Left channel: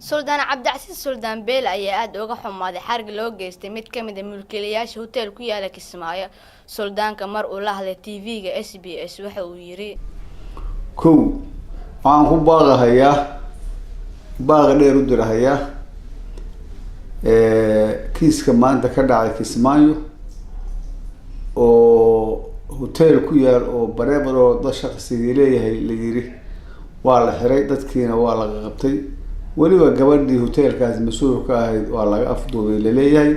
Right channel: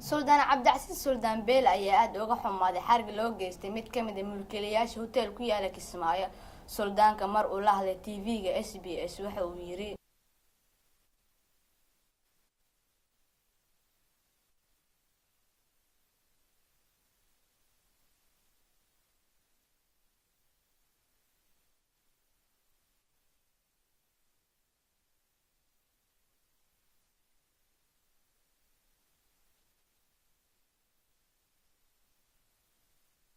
Suldaan Cabdicasiis Suldaan Beel ayaa aad uga xumaaday xarg loo geystay mid ka mid ah mulkiilayaasha hotel ku yaala Kismaayo. Suldaanka mar uu la hadlay TV-ga SBS waxa uu yiri waxaan ku baaqahayaa baaq dheer u dirahayaa kiiska maanta ka dhacay Kismaayo oo hotel ku yaal oo bareebaro dad shaqsiga leeyahay la yiri waa la xiray dadkiina waa la qabtay waliba gabadhii hotelkaas mas'uul ka ahayd waa laga afduubay la leeyahay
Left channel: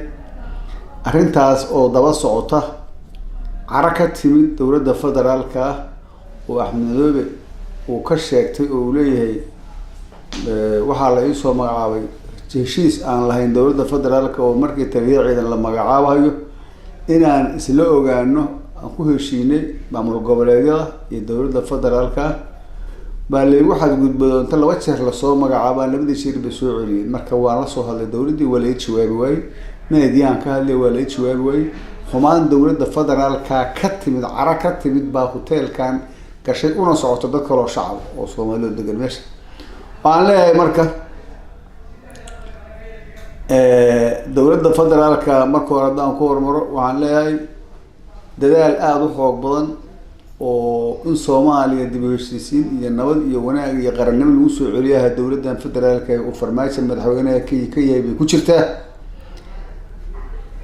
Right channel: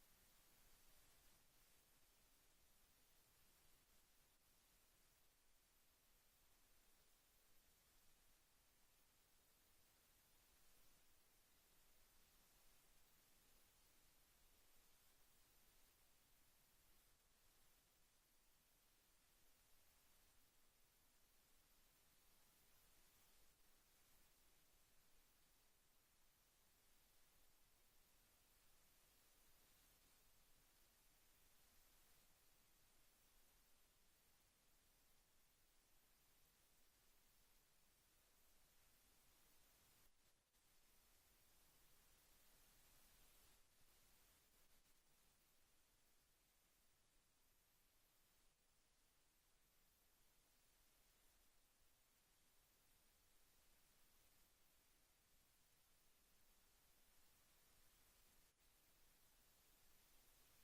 arrintaas oo daba socota caraka timid dowladda federaalka oo Axmed Madoobe uu ka sheegtay oo leeyahay waxa la ii soo magacaabay heshiis aan lahayn dowladda federaalka oo markii taliyadeeda la magacaabayo inaan isla ogaano aan ku heshiinay maamul goboleedyada iyo dowladda federaalka baa leeyahay waxa gudbado inta laba jeer la soo magacaabay labadii shir bay soo celiyeen marka waa la soo hadlay dowladii wala ay jawaabi way meediyaan ka hadlay wala ay jawaabi way xumaan dowladda federaalka ka timid caraka timid baa hotelkan gashay una socoto dad kale oo shacab oo Soomaaliyeed degan meesha waan leeyahay marka dowladda federaalka marka hore hadaan ku hormaro waxaan leeyahay dadaal aad u xoog badan oo in Soomaaliya dib u heshiisiin iyo nabad iyo wanaag iyo qarannimo lagu soo celiyaha dowladdan federaalka ee farmaajo madaxweynaha ka yahay ku jirtaa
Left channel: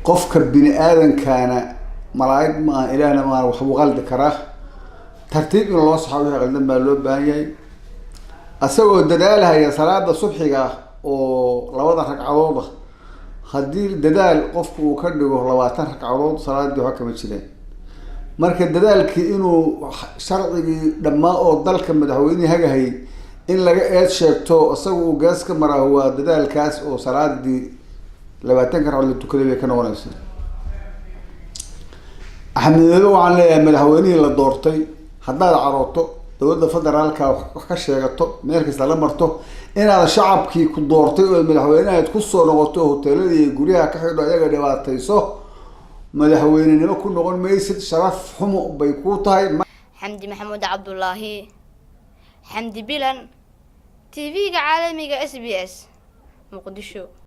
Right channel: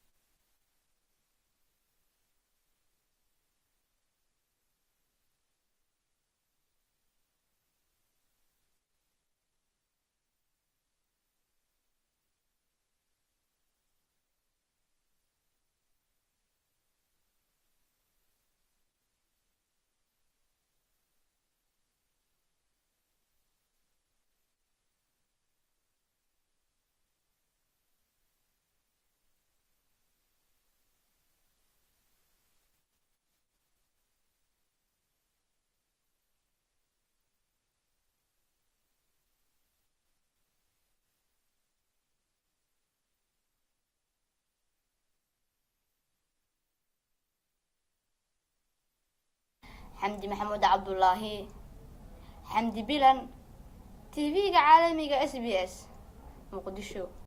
qofka bini aadankana malaa'ig ma ilaahna ma wax uu qaldi karaa tartiib in loo saxaabo qaldan baa loo baahan yahay asagoo dadaalaya salaada subxiga oo labada ragcadood haddii dadaal qofku uu ka dhigo 20 ragcadood salaadii waxa kama jireen marka dadaalkii inuu sharcigii dhammaa oo dalka madaxweynaha hagahay in laga eed sheegto asagoo gaas ka maraa waa dadaalkaas oo salaadii 20 ragcadood la tukaday ka noqonaysa Axmed Madoobe waxaan leeyahay madaxweynihii la doortay haddaad carooto dowladda federaalka wax ka sheegato meel kasta la marto inaad shacabkii ku doortay oo madaxweynaha ku soo noqoto hoteeladii guryaha ka xidho ayaga dhibaatayso madaxweynenimo ku noqon maysid sharaf xumo bay ku tahay Xamdi Maxamuud Cabdullaahi Xamdi Bilan TV-ga caalamiga SBS Muqdisho.